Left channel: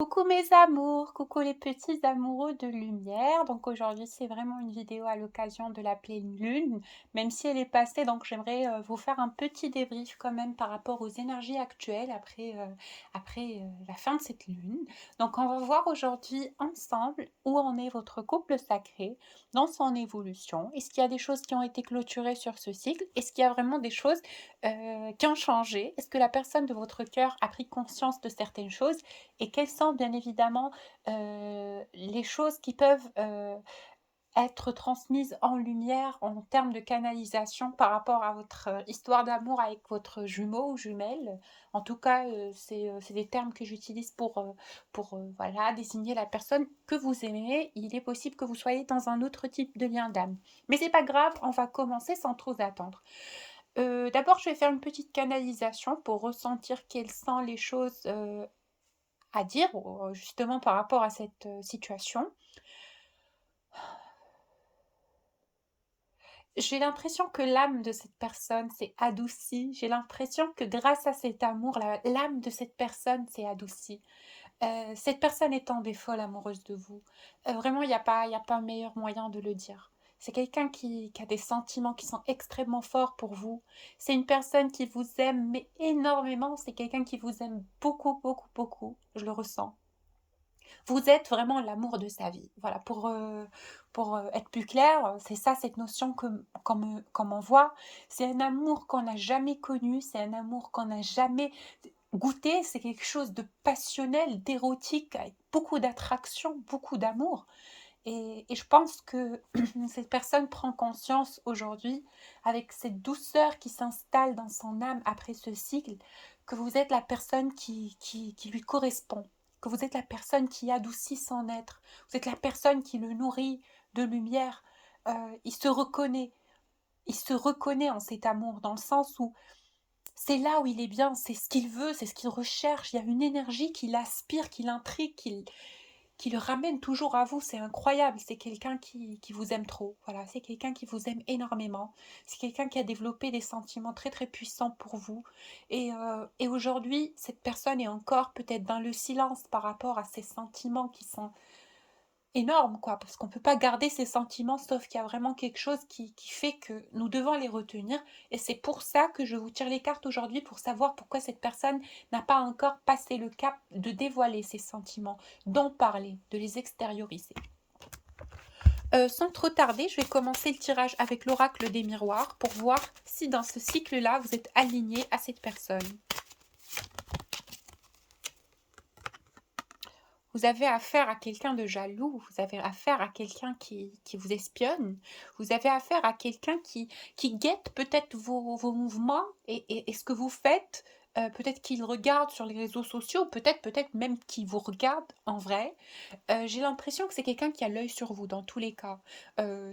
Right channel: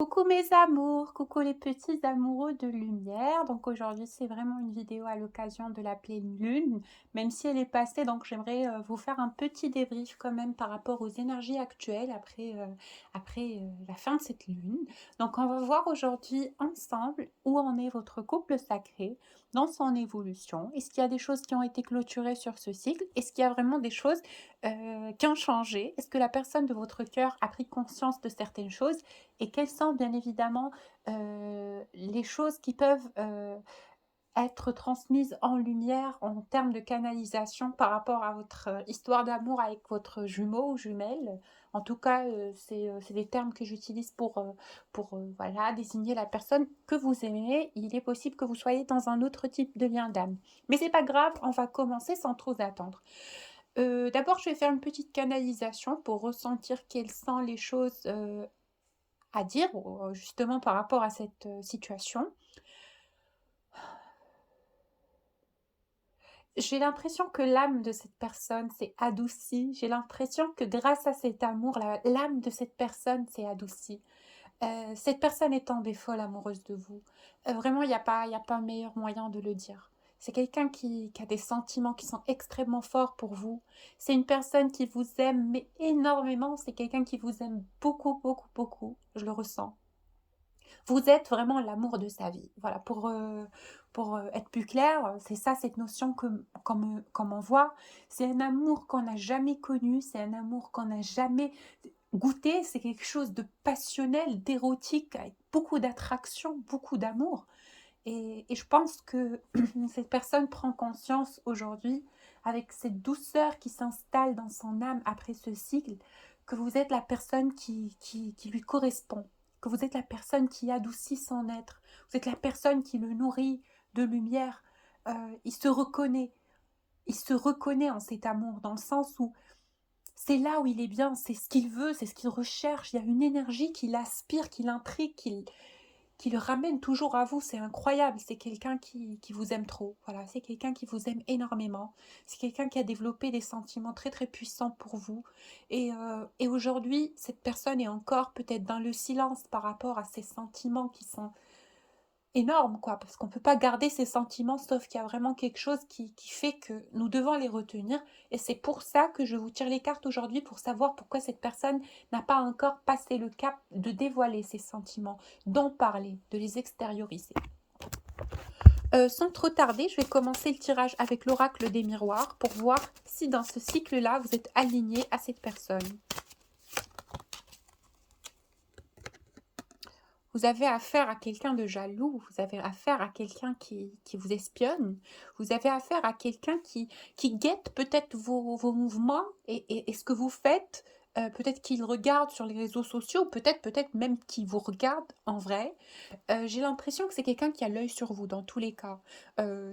Coucou mes amours, coucou les petits amoureux de lumière. Donc aujourd'hui c'est vraiment une vidéo à l'occasion de la pleine lune, même si elle est passée. Donc j'aimerais vous faire un petit débrief quand même par rapport aux énergies actuelles après la fin de cette lune. Donc on va voir aujourd'hui ensemble où en est votre couple sacré dans son évolution. Est-ce qu'il y a des choses qui ont été clôturées sur ce cycle? Est-ce qu'il y a vraiment des choses qui ont changé? Est-ce que la personne de votre cœur a pris conscience de certaines choses? Et quelles sont bien évidemment les choses qui peuvent être transmises en lumière en termes de canalisation par rapport à votre histoire d'amour avec votre jumeau ou jumelle. En tout cas, c'est des termes que j'utilise pour voilà, désigner la personne que vous aimez. Il est possible que vous soyez dans un autre type de lien d'âme. Mais c'est pas grave, on va commencer sans trop attendre. D'abord, je vais faire une petite canalisation pour ressentir quelles sont les choses à dire, justement par rapport à cette situation. J'ai l'impression que l'âme de cette personne s'est adoucie. J'ai l'impression que grâce à cet amour, l'âme de cette personne s'est adoucie. Cette personne est tombée folle amoureuse de vous. Vraiment, il y a pas meilleur moyen de le dire. C'est quelqu'un qui a des sentiments qui sont extrêmement forts pour vous. C'est une personne qui vous aime, mais énormément. C'est quelqu'un qui vous aime beaucoup, beaucoup, beaucoup. Je le ressens. Vous êtes vraiment l'amour de sa vie. Voilà, pour être plus clair, c'est ça cette notion qu'on m'envoie. C'est un amour qu'on n'a jamais connu, c'est un amour qu'on n'a jamais goûté, c'est quelque chose de passionnel, d'érotique, avec beaucoup d'attraction, beaucoup d'amour. Et je pense que cette personne prend conscience aujourd'hui, avec cette douceur qui s'installe dans son âme après ce cycle, que vous êtes la personne qui lui correspond, que vous êtes la personne qui adoucit son être, vous êtes la personne qui le nourrit de lumière. Il se reconnaît, il se reconnaît en cet amour, dans le sens où c'est là où il est bien, c'est ce qu'il veut, c'est ce qu'il recherche. Il y a une énergie qui l'aspire, qui l'intrigue, qui le ramène toujours à vous. C'est incroyable. C'est quelqu'un qui vous aime trop. Voilà, c'est quelqu'un qui vous aime énormément. C'est quelqu'un qui a développé des sentiments très très puissants pour vous. Et aujourd'hui, cette personne est encore peut-être dans le silence par rapport à ces sentiments qui sont énorme, quoi, parce qu'on peut pas garder ses sentiments, sauf qu'il y a vraiment quelque chose qui fait que nous devons les retenir. Et c'est pour ça que je vous tire les cartes aujourd'hui, pour savoir pourquoi cette personne n'a pas encore passé le cap de dévoiler ses sentiments, d'en parler, de les extérioriser. Sans trop tarder, je vais commencer le tirage avec l'oracle des miroirs pour voir si dans ce cycle-là, vous êtes aligné à cette personne. Vous avez affaire à quelqu'un de jaloux, vous avez affaire à quelqu'un qui vous espionne, vous avez affaire à quelqu'un qui guette peut-être vos mouvements et ce que vous faites. Peut-être qu'il regarde sur les réseaux sociaux, peut-être même qu'il vous regarde en vrai. J'ai l'impression que c'est quelqu'un qui a l'œil sur vous dans tous les cas.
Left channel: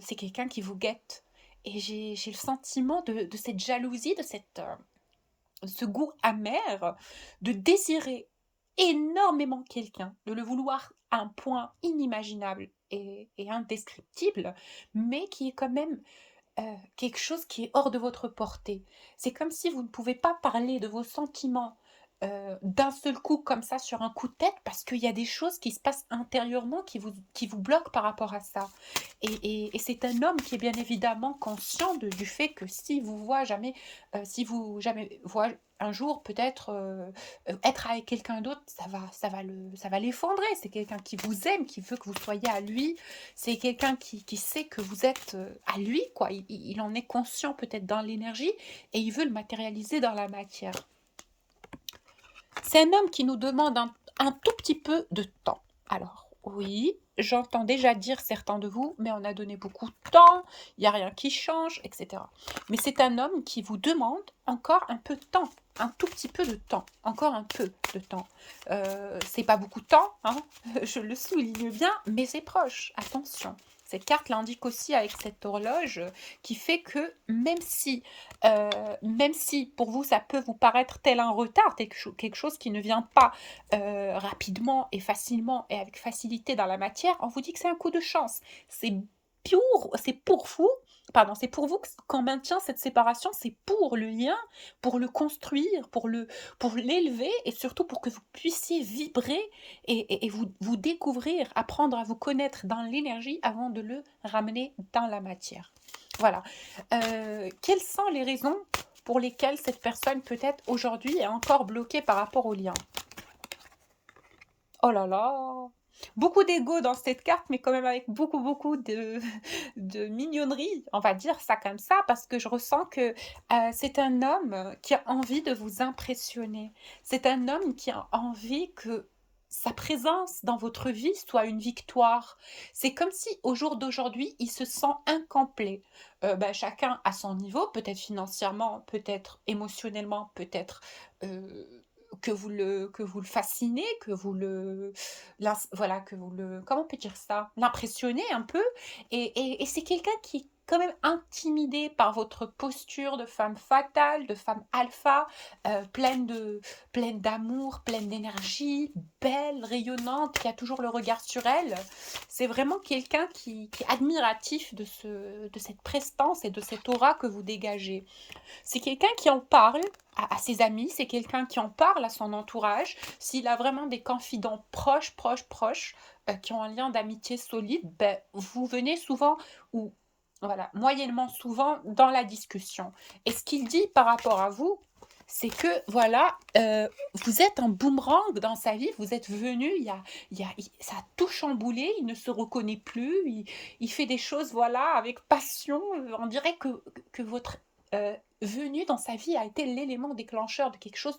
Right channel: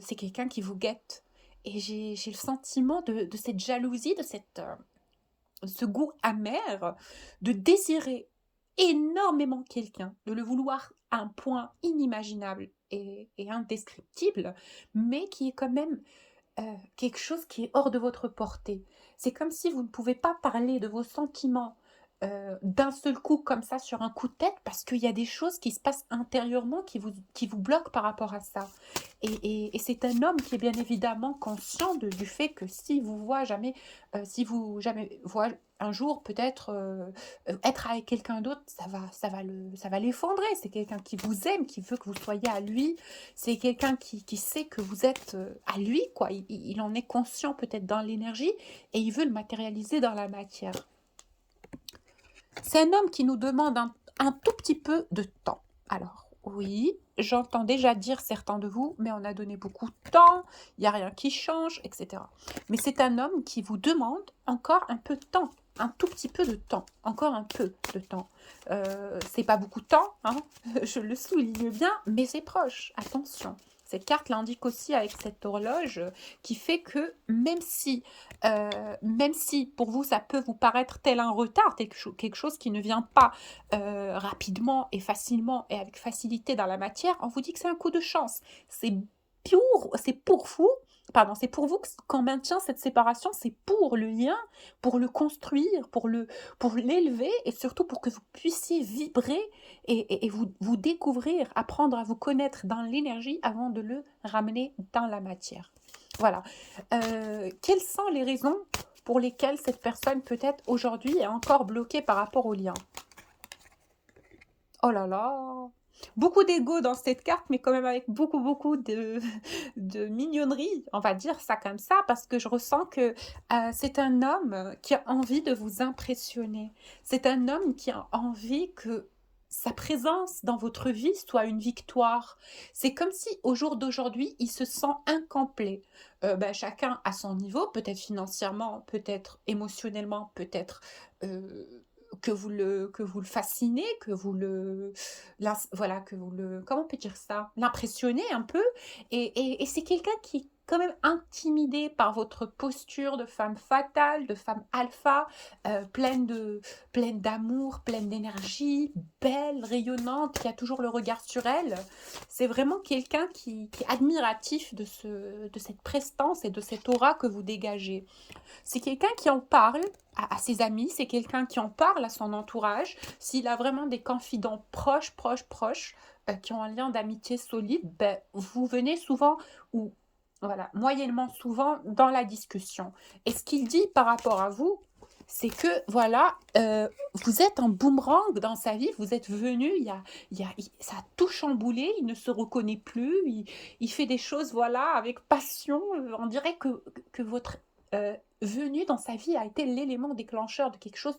C'est quelqu'un qui vous guette. Et j'ai le sentiment de cette jalousie, de ce goût amer, de désirer énormément quelqu'un, de le vouloir à un point inimaginable et indescriptible, mais qui est quand même quelque chose qui est hors de votre portée. C'est comme si vous ne pouvez pas parler de vos sentiments d'un seul coup comme ça sur un coup de tête parce qu'il y a des choses qui se passent intérieurement qui vous bloquent par rapport à ça. Et c'est un homme qui est bien évidemment conscient du fait que si vous voit jamais, si vous jamais voit un jour peut-être être avec quelqu'un d'autre, ça va l'effondrer. C'est quelqu'un qui vous aime, qui veut que vous soyez à lui. C'est quelqu'un qui sait que vous êtes à lui, quoi. Il en est conscient peut-être dans l'énergie et il veut le matérialiser dans la matière. C'est un homme qui nous demande un tout petit peu de temps. Alors, oui, j'entends déjà dire certains de vous, mais on a donné beaucoup de temps, il n'y a rien qui change, etc. Mais c'est un homme qui vous demande encore un peu de temps, un tout petit peu de temps, encore un peu de temps. C'est pas beaucoup de temps, hein, je le souligne bien, mais c'est proche, attention. Cette carte l'indique aussi avec cette horloge qui fait que même si pour vous ça peut vous paraître tel un retard, quelque chose qui ne vient pas rapidement et facilement et avec facilité dans la matière, on vous dit que c'est un coup de chance. C'est pour vous pardon, c'est pour vous qu'on maintient cette séparation, c'est pour le lien, pour le construire, pour l'élever et surtout pour que vous puissiez vibrer et vous découvrir, apprendre à vous connaître dans l'énergie avant de le ramener dans la matière. Voilà. Quelles sont les raisons pour lesquelles cette personne peut-être aujourd'hui est encore bloquée par rapport au lien? Oh là là! Beaucoup d'ego dans cette carte, mais quand même avec beaucoup, beaucoup de de mignonnerie, on va dire ça comme ça, parce que je ressens que, c'est un homme qui a envie de vous impressionner. C'est un homme qui a envie que sa présence dans votre vie soit une victoire. C'est comme si au jour d'aujourd'hui, il se sent incomplet. Chacun à son niveau, peut-être financièrement, peut-être émotionnellement, peut-être, heu, que vous le fascinez, que vous le voilà, que vous le comment on peut dire ça? L'impressionnez un peu et c'est quelqu'un qui est quand même intimidé par votre posture de femme fatale, de femme alpha, pleine d'amour, pleine d'énergie, belle, rayonnante, qui a toujours le regard sur elle. C'est vraiment quelqu'un qui est admiratif de cette prestance et de cette aura que vous dégagez. C'est quelqu'un qui en parle à ses amis, c'est quelqu'un qui en parle à son entourage. S'il a vraiment des confidents proches, proches, proches, qui ont un lien d'amitié solide, vous venez souvent ou voilà, moyennement souvent dans la discussion. Et ce qu'il dit par rapport à vous, c'est que voilà, vous êtes un boomerang dans sa vie, vous êtes venu, ça a tout chamboulé, il ne se reconnaît plus, il fait des choses voilà avec passion, on dirait que votre venue dans sa vie a été l'élément déclencheur de quelque chose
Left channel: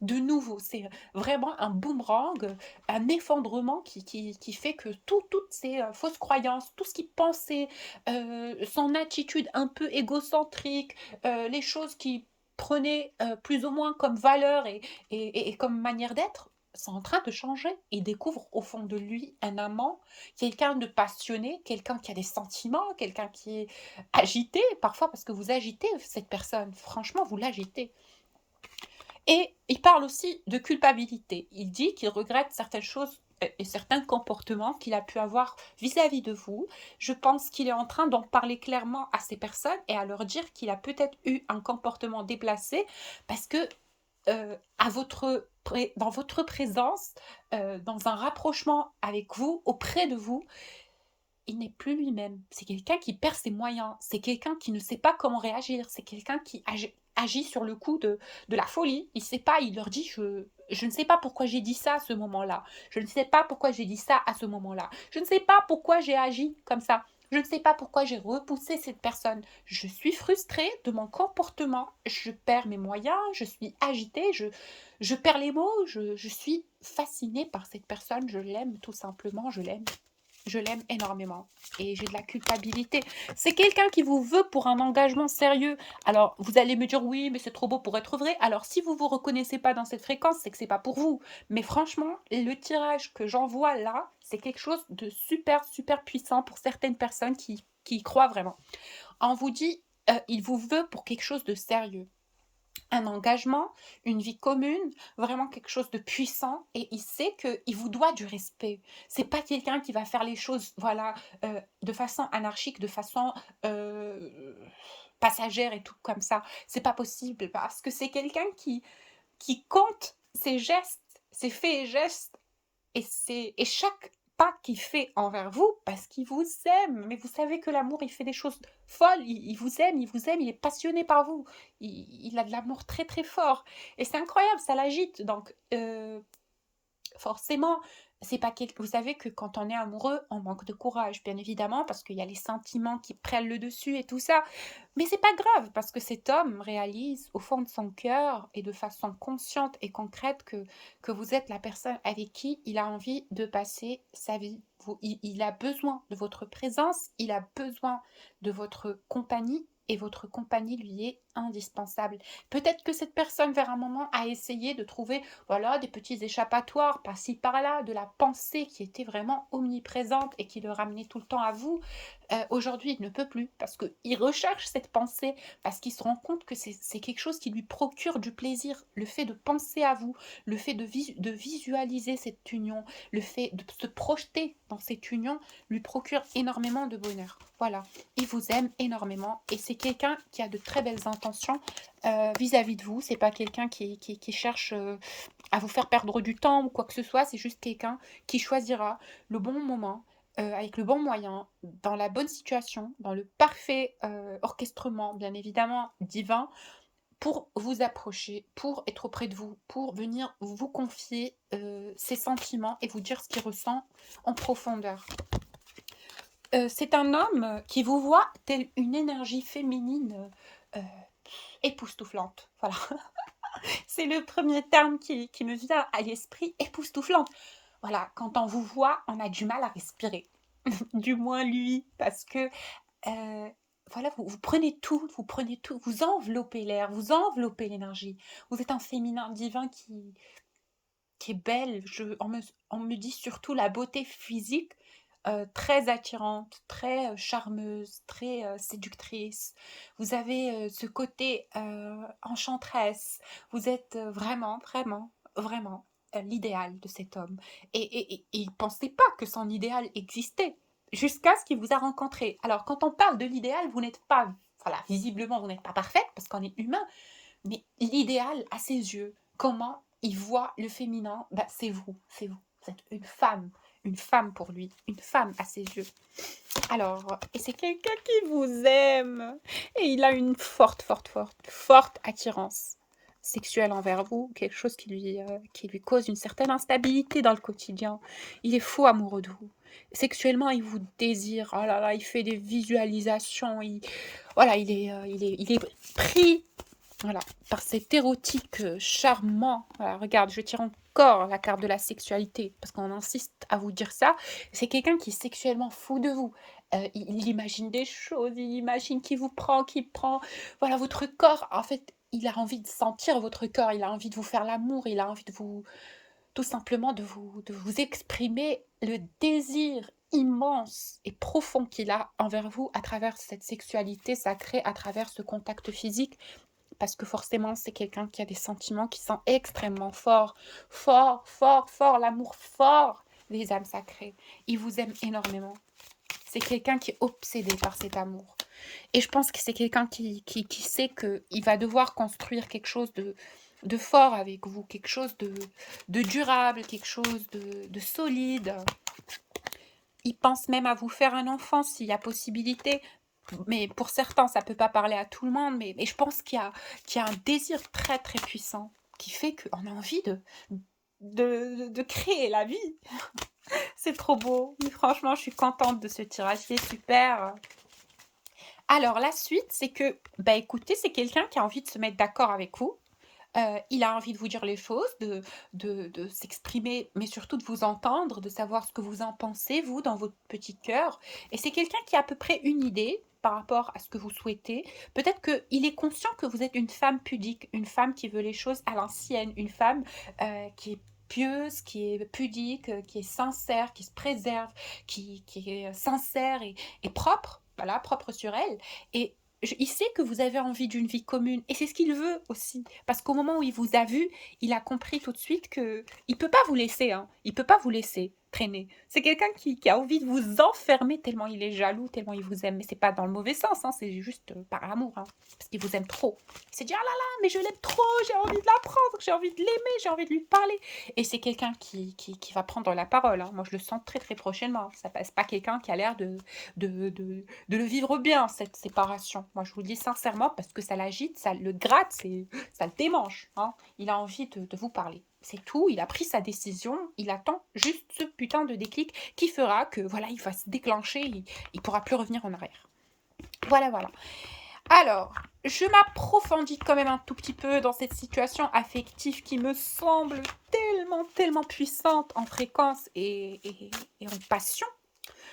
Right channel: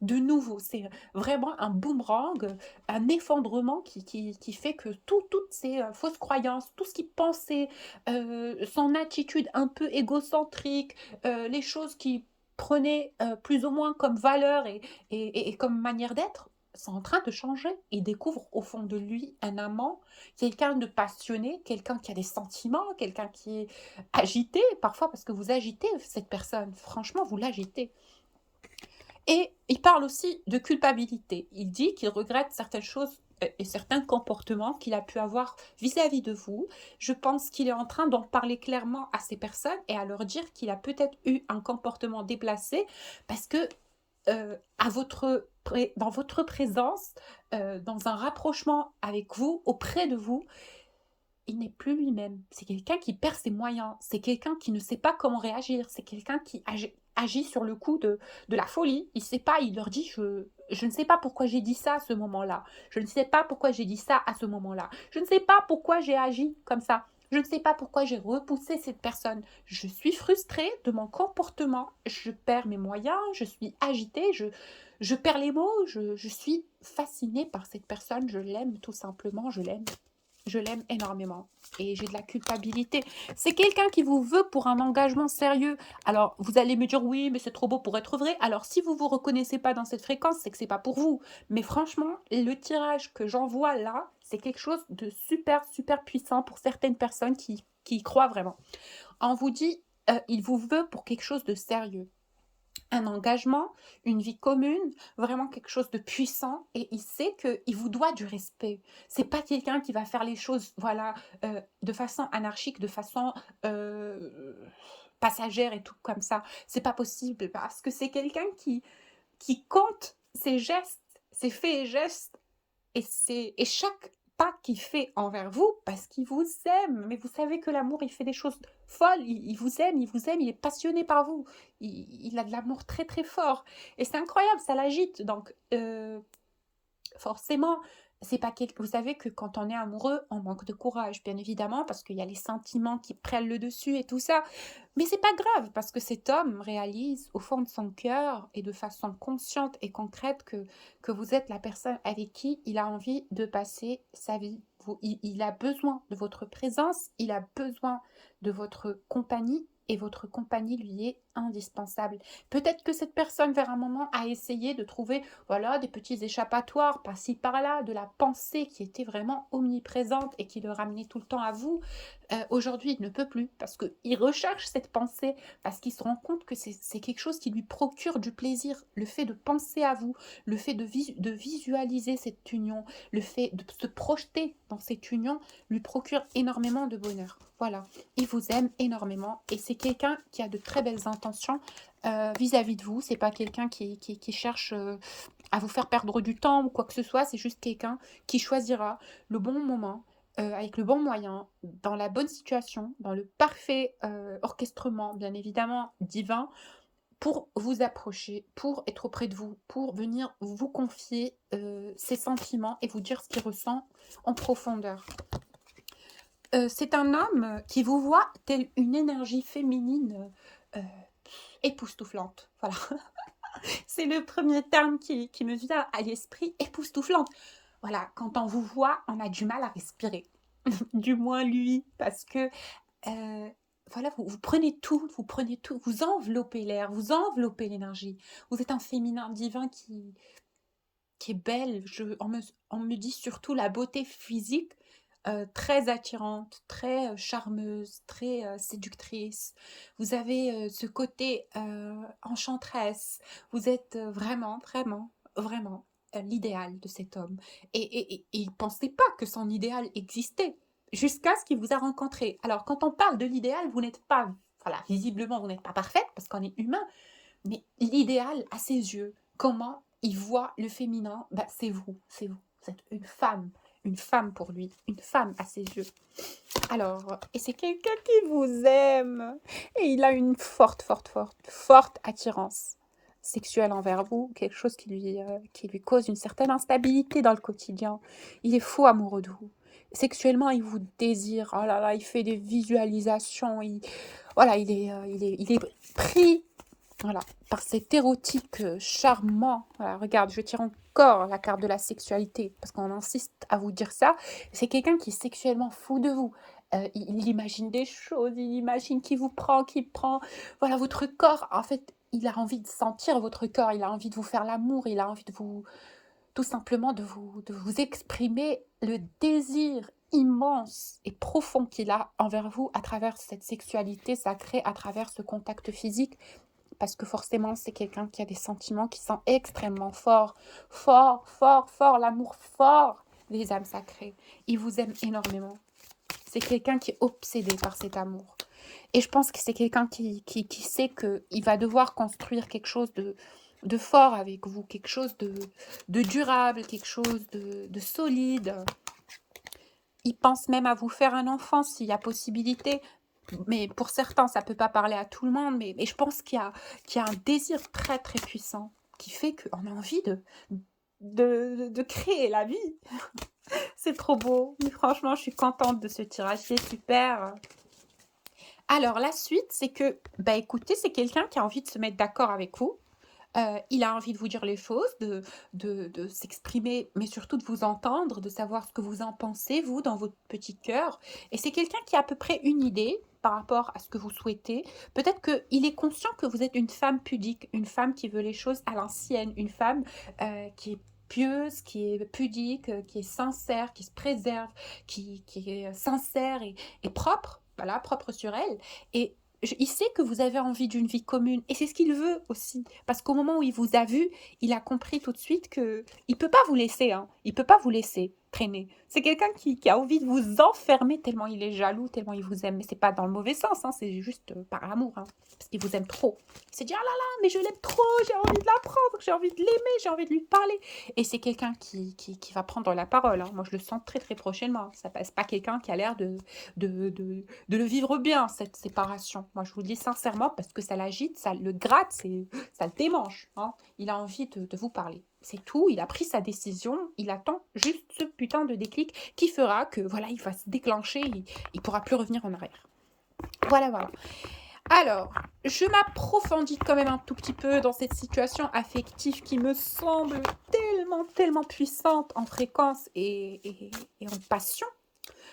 de nouveau. C'est vraiment un boomerang, un effondrement qui fait que toutes ces fausses croyances, tout ce qu'il pensait, son attitude un peu égocentrique, les choses qu'il prenait plus ou moins comme valeur et comme manière d'être, sont en train de changer. Il découvre au fond de lui un amant, quelqu'un de passionné, quelqu'un qui a des sentiments, quelqu'un qui est agité, parfois parce que vous agitez cette personne, franchement, vous l'agitez. Et il parle aussi de culpabilité. Il dit qu'il regrette certaines choses et certains comportements qu'il a pu avoir vis-à-vis de vous. Je pense qu'il est en train d'en parler clairement à ces personnes et à leur dire qu'il a peut-être eu un comportement déplacé parce que dans votre présence, dans un rapprochement avec vous, auprès de vous, il n'est plus lui-même. C'est quelqu'un qui perd ses moyens. C'est quelqu'un qui ne sait pas comment réagir. C'est quelqu'un qui agit sur le coup de la folie. Il ne sait pas, il leur dit je ne sais pas pourquoi j'ai dit ça à ce moment-là. Je ne sais pas pourquoi j'ai dit ça à ce moment-là. Je ne sais pas pourquoi j'ai agi comme ça. Je ne sais pas pourquoi j'ai repoussé cette personne. Je suis frustrée de mon comportement. Je perds mes moyens. Je suis agitée. Je perds les mots. Je suis fascinée par cette personne. Je l'aime tout simplement. Je l'aime. Je l'aime énormément et j'ai de la culpabilité. C'est quelqu'un qui vous veut pour un engagement sérieux. Alors, vous allez me dire: «Oui, mais c'est trop beau pour être vrai». Alors, si vous vous reconnaissez pas dans cette fréquence, c'est que c'est pas pour vous. Mais franchement, le tirage que j'envoie là, c'est quelque chose de super, super puissant pour certaines personnes qui y croient vraiment. On vous dit, il vous veut pour quelque chose de sérieux. Un engagement, une vie commune, vraiment quelque chose de puissant et il sait qu'il vous doit du respect. C'est pas quelqu'un qui va faire les choses, voilà, de façon anarchique, de façon, passagère et tout comme ça. C'est pas possible parce que c'est quelqu'un qui compte ses gestes, ses faits et gestes et chaque pas qu'il fait envers vous, parce qu'il vous aime, mais vous savez que l'amour, il fait des choses folles, il vous aime, il vous aime, il est passionné par vous, il a de l'amour très très fort et c'est incroyable, ça l'agite donc forcément, c'est pas quel vous savez que quand on est amoureux, on manque de courage, bien évidemment, parce qu'il y a les sentiments qui prennent le dessus et tout ça. Mais c'est pas grave, parce que cet homme réalise au fond de son cœur et de façon consciente et concrète que vous êtes la personne avec qui il a envie de passer sa vie. Il a besoin de votre présence, il a besoin de votre compagnie et votre compagnie lui est indispensable. Peut-être que cette personne, vers un moment, a essayé de trouver voilà, des petits échappatoires par-ci par-là, de la pensée qui était vraiment omniprésente et qui le ramenait tout le temps à vous. Aujourd'hui, il ne peut plus parce qu'il recherche cette pensée, parce qu'il se rend compte que c'est quelque chose qui lui procure du plaisir. Le fait de penser à vous, le fait de visualiser cette union, le fait de se projeter dans cette union lui procure énormément de bonheur. Voilà, il vous aime énormément et c'est quelqu'un qui a de très belles intentions vis-à-vis de vous. C'est pas quelqu'un qui cherche à vous faire perdre du temps ou quoi que ce soit, c'est juste quelqu'un qui choisira le bon moment, avec le bon moyen, dans la bonne situation, dans le parfait orchestrement, bien évidemment, divin, pour vous approcher, pour être auprès de vous, pour venir vous confier ses sentiments et vous dire ce qu'il ressent en profondeur. C'est un homme qui vous voit telle une énergie féminine époustouflante. Voilà, c'est le premier terme qui me vient à l'esprit, époustouflante. Voilà, quand on vous voit, on a du mal à respirer. Du moins lui, parce que voilà, vous prenez tout, vous enveloppez l'air, vous enveloppez l'énergie. Vous êtes un féminin divin qui est belle. On me dit surtout la beauté physique, très attirante, très charmeuse, très séductrice. Vous avez ce côté enchanteresse. Vous êtes vraiment, vraiment, vraiment l'idéal de cet homme. Et il ne pensait pas que son idéal existait jusqu'à ce qu'il vous a rencontré. Alors, quand on parle de l'idéal, vous n'êtes pas, voilà, visiblement, vous n'êtes pas parfaite parce qu'on est humain, mais l'idéal à ses yeux, comment il voit le féminin, bah, c'est vous, c'est vous. Vous êtes une femme pour lui, une femme à ses yeux. Alors, et c'est quelqu'un qui vous aime, et il a une forte attirance sexuelle envers vous, quelque chose qui lui cause une certaine instabilité dans le quotidien. Il est fou amoureux de vous. Sexuellement, il vous désire. Oh là là, il fait des visualisations. Voilà, il est pris, voilà, par cet érotique charmant. Voilà, regarde, je tire encore la carte de la sexualité parce qu'on insiste à vous dire ça. C'est quelqu'un qui est sexuellement fou de vous. Il imagine des choses, il imagine qu'il prend, voilà, votre corps. En fait, il a envie de sentir votre corps, il a envie de vous faire l'amour, il a envie de vous, tout simplement, de vous exprimer le désir immense et profond qu'il a envers vous à travers cette sexualité sacrée, à travers ce contact physique. Parce que forcément, c'est quelqu'un qui a des sentiments qui sont extrêmement forts. Fort, l'amour fort des âmes sacrées. Il vous aime énormément. C'est quelqu'un qui est obsédé par cet amour. Et je pense que c'est quelqu'un qui sait qu'il va devoir construire quelque chose de fort avec vous, quelque chose de durable, quelque chose de solide. Il pense même à vous faire un enfant s'il y a possibilité. Mais pour certains, ça ne peut pas parler à tout le monde, mais je pense qu'il y a un désir très très puissant qui fait qu'on a envie de créer la vie. C'est trop beau. Mais franchement, je suis contente de ce tirage, c'est super. Alors la suite, c'est que, bah écoutez, c'est quelqu'un qui a envie de se mettre d'accord avec vous. Il a envie de vous dire les choses, de s'exprimer, mais surtout de vous entendre, de savoir ce que vous en pensez, vous, dans votre petit cœur. Et c'est quelqu'un qui a à peu près une idée par rapport à ce que vous souhaitez. Peut-être qu'il est conscient que vous êtes une femme pudique, une femme qui veut les choses à l'ancienne, une femme qui est pieuse, qui est pudique, qui est sincère, qui se préserve, qui est sincère et propre, voilà, propre sur elle. Et il sait que vous avez envie d'une vie commune et c'est ce qu'il veut aussi. Parce qu'au moment où il vous a vu, il a compris tout de suite que il peut pas vous laisser, hein. Il peut pas vous laisser traîner. C'est quelqu'un qui a envie de vous enfermer tellement il est jaloux, tellement il vous aime. Mais c'est pas dans le mauvais sens, hein, c'est juste par amour, hein, parce qu'il vous aime trop. C'est dire ah là là, mais je l'aime trop, j'ai envie de l'apprendre, j'ai envie de l'aimer, j'ai envie de lui parler. Et c'est quelqu'un qui va prendre la parole, hein. Moi je le sens très très prochainement. Ça passe pas quelqu'un qui a l'air de le vivre bien, cette séparation. Moi, je vous le dis sincèrement, parce que ça l'agite, ça le gratte, ça le démange, hein. Il a envie de vous parler. C'est tout, il a pris sa décision, il attend juste ce putain de déclic qui fera que, voilà, il va se déclencher, il pourra plus revenir en arrière. Voilà, voilà. Alors, je m'approfondis quand même un tout petit peu dans cette situation affective qui me semble tellement puissante en fréquence et en passion.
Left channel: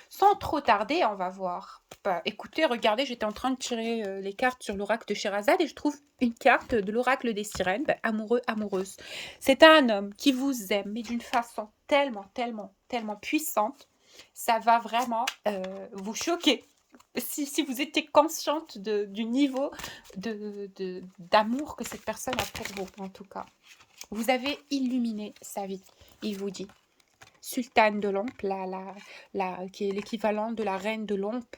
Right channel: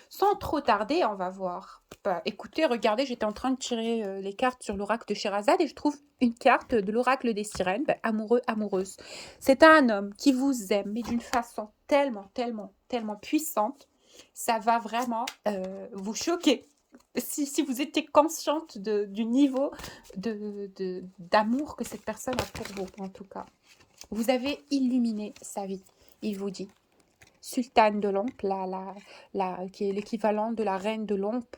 Sans trop tarder, on va voir. Bah, écoutez, regardez, j'étais en train de tirer les cartes sur l'oracle de Sherazade et je trouve une carte de l'oracle des sirènes, bah, amoureux, amoureuse. C'est un homme qui vous aime, mais d'une façon tellement puissante, ça va vraiment vous choquer. Si vous étiez consciente du niveau d'amour que cette personne a pour vous, en tout cas. Vous avez illuminé sa vie, il vous dit. Sultane de Lompe, qui est l'équivalent de la reine de Lompe,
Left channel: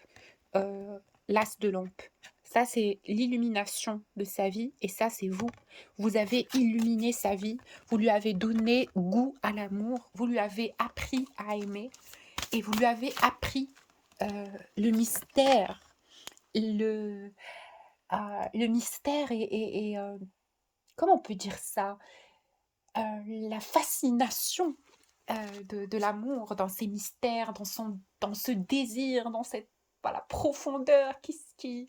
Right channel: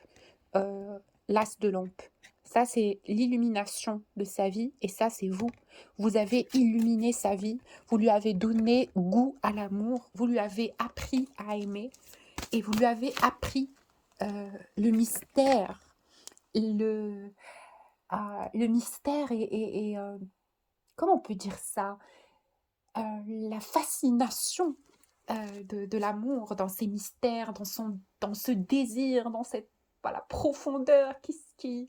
l'as de Lompe. Ça, c'est l'illumination de sa vie, et ça, c'est vous. Vous avez illuminé sa vie, vous lui avez donné goût à l'amour, vous lui avez appris à aimer, et vous lui avez appris le mystère, le mystère et comment on peut dire ça, la fascination de l'amour, dans ses mystères, dans ce désir, dans cette voilà, profondeur qui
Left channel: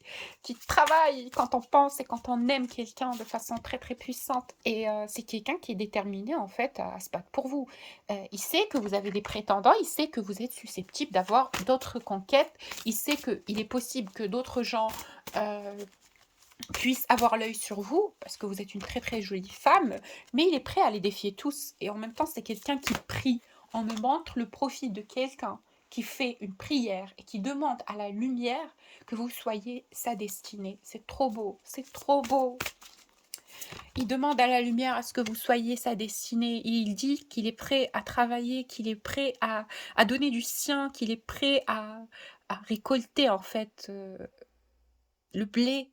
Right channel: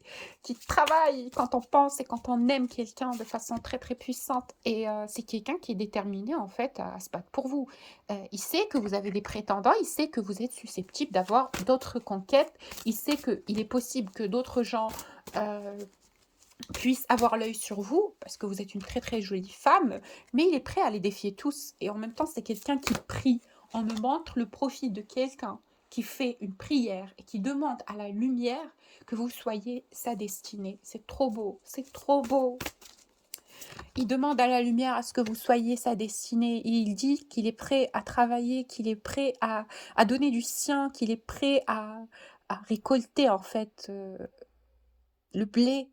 travaille quand on pense et quand on aime quelqu'un de façon très très puissante. Et c'est quelqu'un qui est déterminé en fait à se battre pour vous. Il sait que vous avez des prétendants, il sait que vous êtes susceptible d'avoir d'autres conquêtes, il sait qu'il est possible que d'autres gens puissent avoir l'œil sur vous, parce que vous êtes une très très jolie femme, mais il est prêt à les défier tous. Et en même temps, c'est quelqu'un qui prie. On me montre le profil de quelqu'un qui fait une prière et qui demande à la lumière que vous soyez sa destinée. C'est trop beau, c'est trop beau. Il demande à la lumière à ce que vous soyez sa destinée. Et il dit qu'il est prêt à travailler, qu'il est prêt à donner du sien, qu'il est prêt à récolter en fait le blé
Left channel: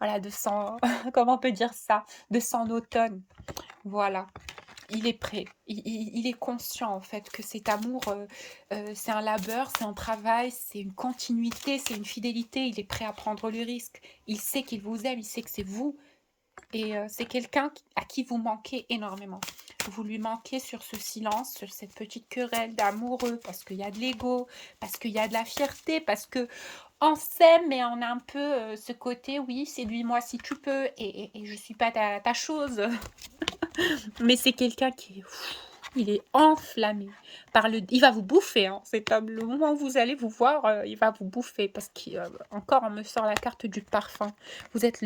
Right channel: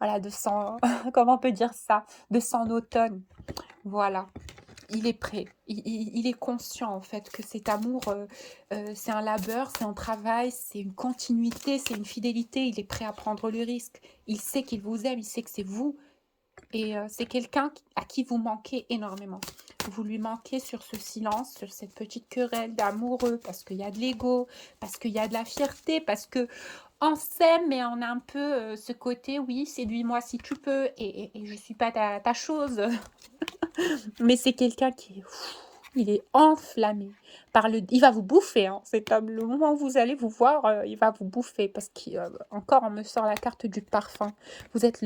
voilà, de son, comment on peut dire ça, de son automne. Voilà, il est prêt, il est conscient en fait que cet amour, c'est un labeur, c'est un travail, c'est une continuité, c'est une fidélité, il est prêt à prendre le risque. Il sait qu'il vous aime, il sait que c'est vous, et c'est quelqu'un à qui vous manquez énormément. Vous lui manquez sur ce silence, sur cette petite querelle d'amoureux, parce qu'il y a de l'ego, parce qu'il y a de la fierté, parce que on s'aime, mais on a un peu ce côté, oui, séduis-moi si tu peux, et je suis pas ta chose. Mais c'est quelqu'un qui il est enflammé par le... Il va vous bouffer, hein, cet homme. Le moment où vous allez vous voir, il va vous bouffer, parce qu'encore, on me sort la carte du parfum. Vous êtes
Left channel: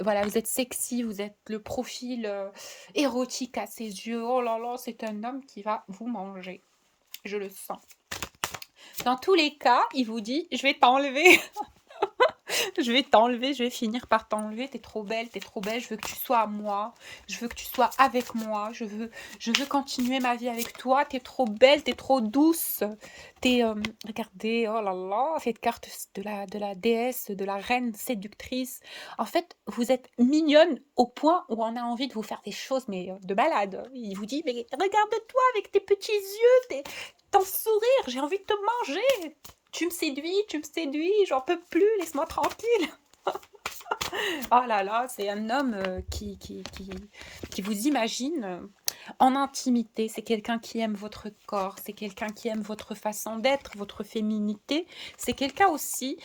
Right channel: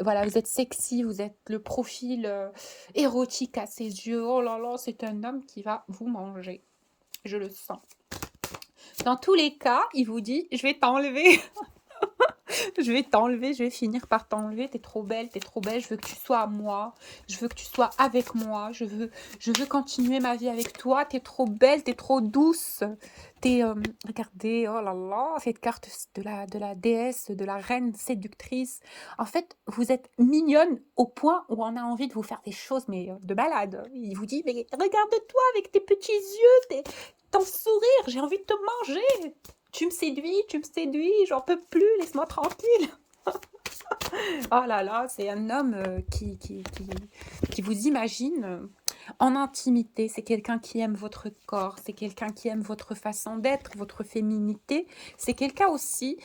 voilà, vous êtes sexy, vous êtes le profil érotique à ses yeux. Oh là là, c'est un homme qui va vous manger. Je le sens. Dans tous les cas, il vous dit, je vais t'enlever. Je vais t'enlever, je vais finir par t'enlever. T'es trop belle, je veux que tu sois à moi. Je veux que tu sois avec moi. Je veux continuer ma vie avec toi. T'es trop belle, t'es trop douce. Regardez, oh là là, cette carte de la déesse, de la reine séductrice. En fait, vous êtes mignonne au point où on a envie de vous faire des choses, mais de malade. Il vous dit, mais regarde-toi avec tes petits yeux, ton sourire, j'ai envie de te manger. Tu me séduis, j'en peux plus, laisse-moi tranquille. Oh là là, c'est un homme qui vous imagine en intimité. C'est quelqu'un qui aime votre corps, c'est quelqu'un qui aime votre façon d'être, votre féminité. C'est quelqu'un aussi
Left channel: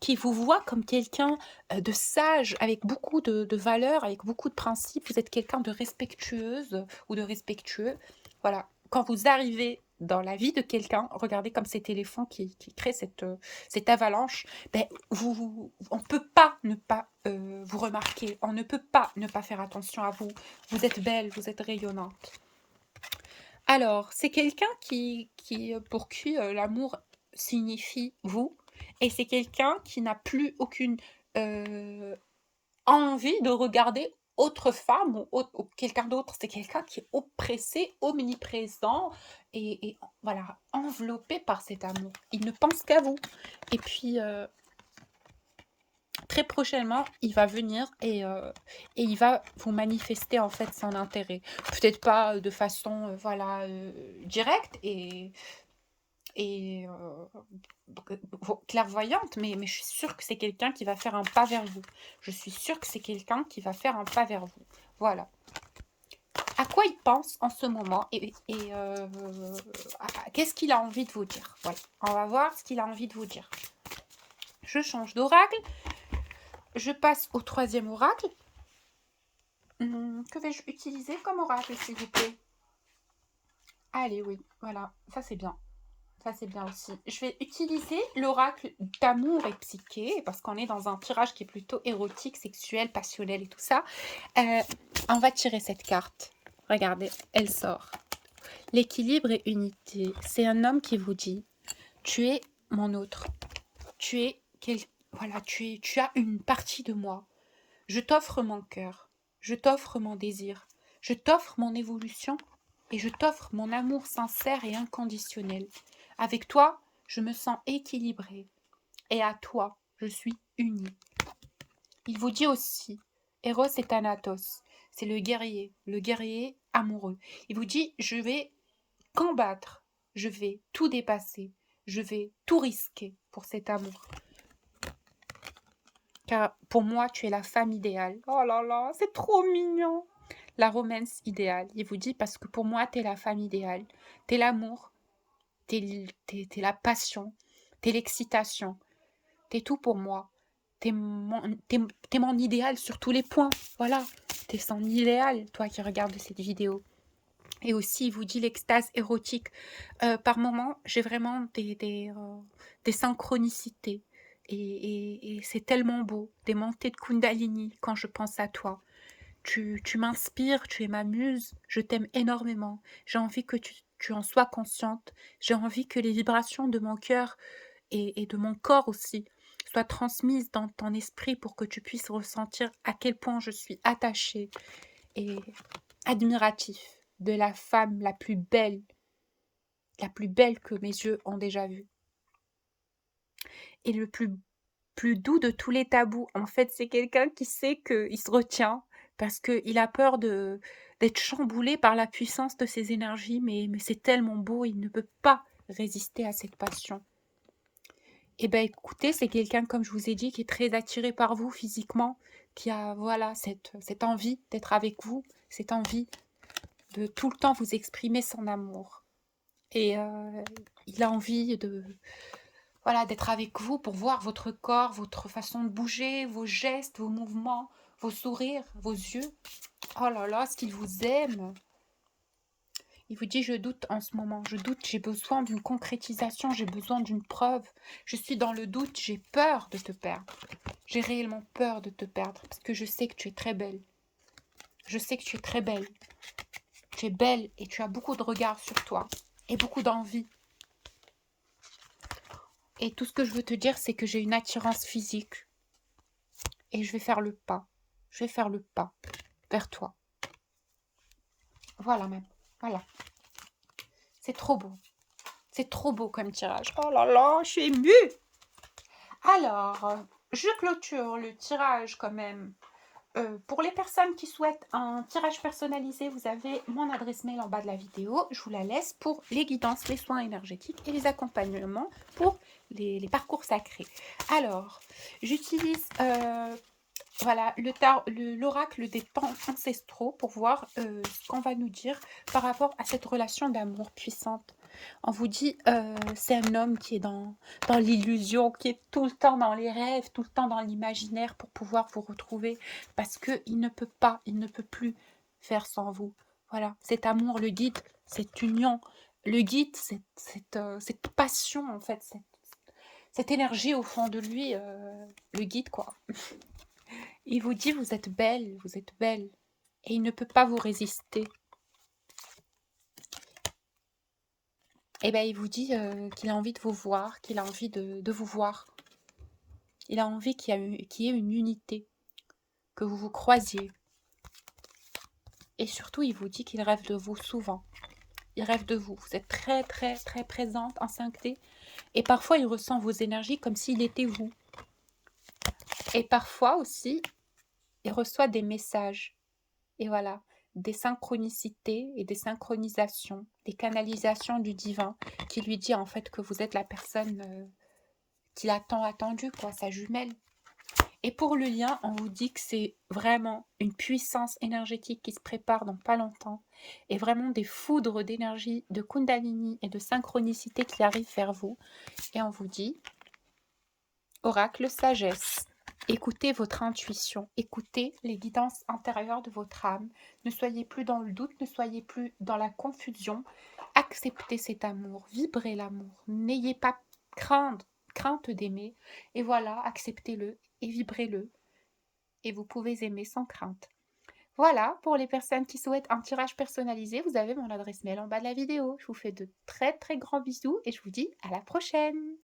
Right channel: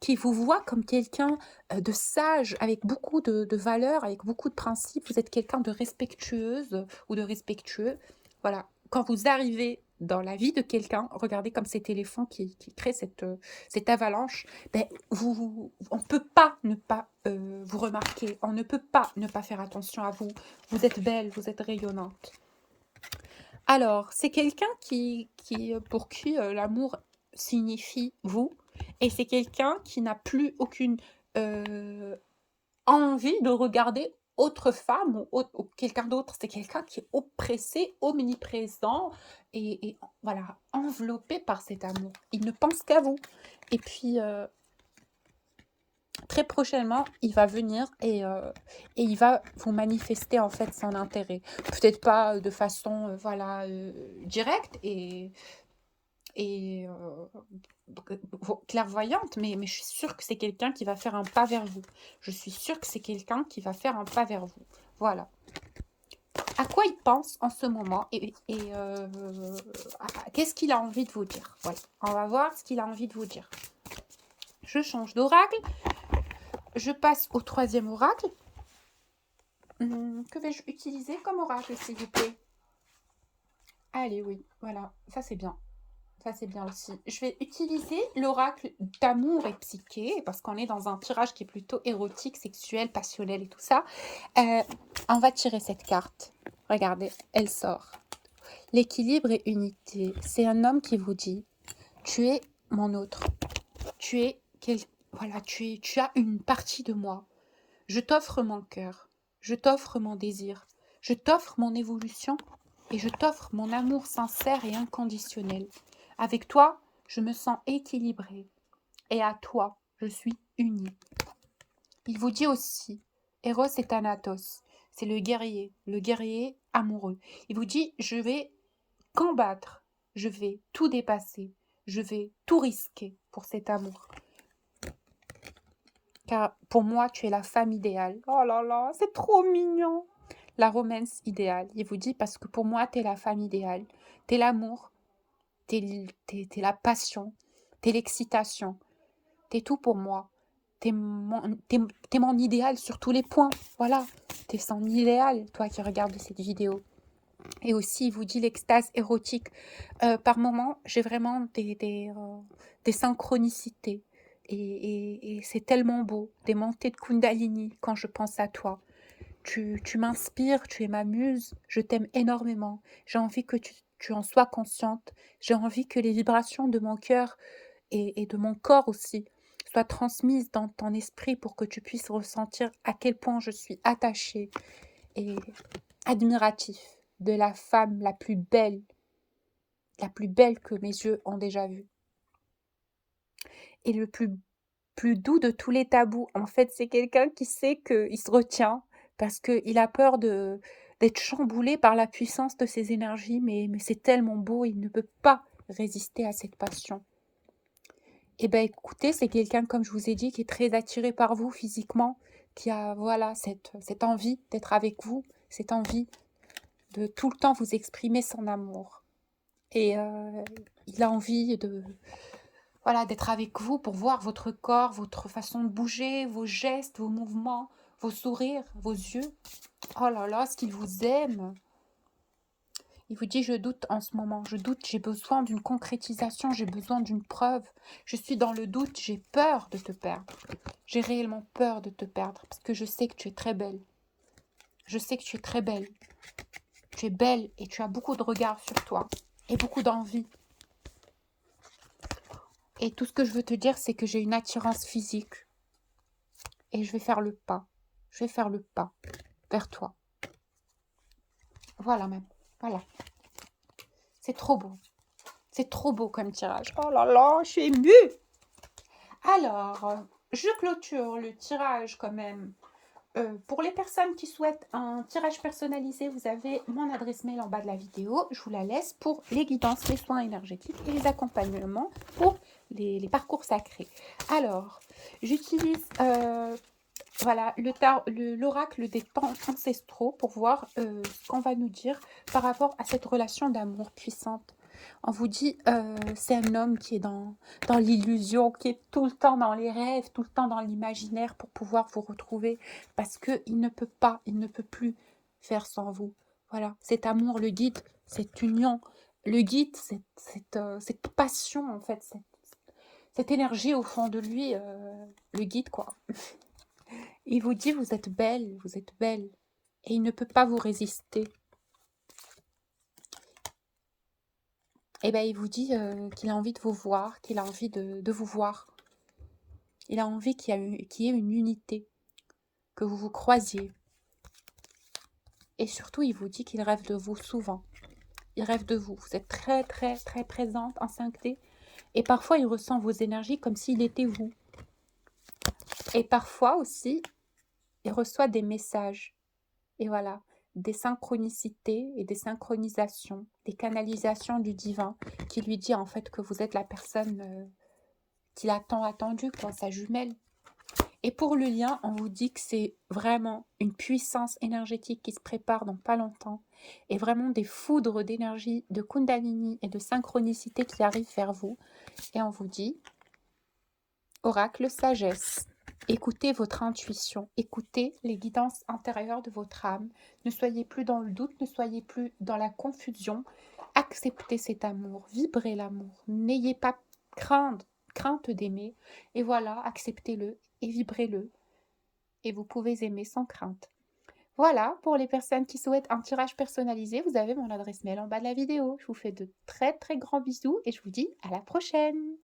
qui vous voit comme quelqu'un de sage, avec beaucoup de valeurs, avec beaucoup de principes. Vous êtes quelqu'un de respectueuse ou de respectueux. Voilà, quand vous arrivez dans la vie de quelqu'un, regardez comme cet éléphant qui crée cette avalanche, ben, on ne peut pas ne pas vous remarquer, on ne peut pas ne pas faire attention à vous. Vous êtes belle, vous êtes rayonnante. Alors, c'est quelqu'un pour qui l'amour signifie vous, et c'est quelqu'un qui n'a plus aucune envie de regarder autre femme ou quelqu'un d'autre. C'est quelqu'un qui est oppressé, omniprésent et voilà, enveloppé par cet amour. Il ne pense qu'à vous. Et puis, très prochainement, il va venir et il va vous manifester en fait son intérêt. Peut-être pas de façon voilà, directe et clairvoyante, mais je suis sûre que c'est quelqu'un qui va faire un pas vers vous. Je suis sûre que c'est quelqu'un qui va faire un pas vers vous. Voilà. À quoi il pense en ce moment et qu'est-ce qu'il a envie de vous dire. Voilà. On va voir ce qu'il a envie de vous dire. Je change d'oracle. Je passe au troisième oracle. Que vais-je utiliser comme oracle, s'il vous plaît? Allez, oui, voilà, ça c'est bien. Ça, c'est bien aussi. Je vais utiliser l'oracle d'amour et psyché, parce qu'on est dans un tirage qui est plutôt érotique, sexuel, passionnel et tout ça. On va tirer cette carte. Regardez, elle sort. L'équilibre et unité. C'est un homme qui vous dit, tu es mon autre, voilà, tu as une partie de moi. Je t'offre mon cœur, je t'offre mon désir, je t'offre mon évolution et je t'offre mon amour sincère et inconditionnel. Avec toi, je me sens équilibrée et à toi, je suis unie. Il vous dit aussi, Eros et Thanatos, c'est le guerrier amoureux. Il vous dit, je vais combattre, je vais tout dépasser, je vais tout risquer pour cet amour. Car pour moi, tu es la femme idéale. Oh là là, c'est trop mignon. La romance idéale. Il vous dit parce que pour moi, tu es la femme idéale. Tu es l'amour, tu es la passion, tu es l'excitation. Tu es tout pour moi. Tu es, mon idéal sur tous les points. Voilà, tu es son idéal, toi qui regardes cette vidéo. Et aussi, il vous dit l'extase érotique. Par moments, j'ai vraiment des synchronicités. Et c'est tellement beau, des montées de Kundalini quand je pense à toi. Tu m'inspires, tu es ma muse, je t'aime énormément. J'ai envie que tu en sois consciente. J'ai envie que les vibrations de mon cœur et de mon corps aussi soient transmises dans ton esprit pour que tu puisses ressentir à quel point je suis attachée et admiratif de la femme la plus belle que mes yeux ont déjà vue. Et le plus doux de tous les tabous, en fait, c'est quelqu'un qui sait qu'il se retient parce qu'il a peur d'être chamboulé par la puissance de ses énergies, mais c'est tellement beau, il ne peut pas résister à cette passion. Eh bien, écoutez, c'est quelqu'un, comme je vous ai dit, qui est très attiré par vous physiquement, qui a, voilà, cette envie d'être avec vous, cette envie de tout le temps vous exprimer son amour. Et il a envie voilà, d'être avec vous pour voir votre corps, votre façon de bouger, vos gestes, vos mouvements, vos sourires, vos yeux. Oh là là, ce qu'il vous aime. Il vous dit, je doute en ce moment, je doute, j'ai besoin d'une concrétisation, j'ai besoin d'une preuve. Je suis dans le doute, j'ai peur de te perdre. J'ai réellement peur de te perdre parce que je sais que tu es très belle. Je sais que tu es très belle. Tu es belle et tu as beaucoup de regards sur toi et beaucoup d'envie. Et tout ce que je veux te dire, c'est que j'ai une attirance physique. Et je vais faire le pas. Je vais faire le pas vers toi. Voilà même. Voilà. C'est trop beau. C'est trop beau comme tirage. Oh là là, je suis émue. Alors, je clôture le tirage quand même. Pour les personnes qui souhaitent un tirage personnalisé, vous avez mon adresse mail en bas de la vidéo. Je vous la laisse pour les guidances, les soins énergétiques et les accompagnements pour les parcours sacrés. Alors, j'utilise voilà, l'oracle des temps ancestraux pour voir ce qu'on va nous dire par rapport à cette relation d'amour puissante. On vous dit, c'est un homme qui est dans l'illusion, qui est tout le temps dans les rêves, tout le temps dans l'imaginaire pour pouvoir vous retrouver, parce qu'il ne peut pas, il ne peut plus faire sans vous. Voilà, cet amour le guide, cette union le guide, cette passion, en fait, cette énergie au fond de lui le guide, quoi. Il vous dit, vous êtes belle, et il ne peut pas vous résister. Et bien, il vous dit qu'il a envie de vous voir, qu'il a envie de vous voir. Il a envie qu'il y ait une unité, que vous vous croisiez. Et surtout, il vous dit qu'il rêve de vous souvent. Il rêve de vous. Vous êtes très, très, très présente en 5D. Et parfois, il ressent vos énergies comme s'il était vous. Et parfois aussi, il reçoit des messages. Et voilà, des synchronicités et des synchronisations, des canalisations du divin qui lui dit en fait que vous êtes la personne qu'il a tant attendue, quoi, sa jumelle. Et pour le lien, on vous dit que c'est vraiment une puissance énergétique qui se prépare dans pas longtemps et vraiment des foudres d'énergie, de kundalini et de synchronicité qui arrivent vers vous. Et on vous dit, oracle sagesse, écoutez votre intuition, écoutez les guidances intérieures de votre âme. Ne soyez plus dans le doute, ne soyez plus dans la confusion. Acceptez cet amour, vibrez l'amour. N'ayez pas crainte d'aimer. Et voilà, acceptez-le et vibrez-le. Et vous pouvez aimer sans crainte. Voilà, pour les personnes qui souhaitent un tirage personnalisé, vous avez mon adresse mail en bas de la vidéo. Je vous fais de très très grands bisous et je vous dis à la prochaine.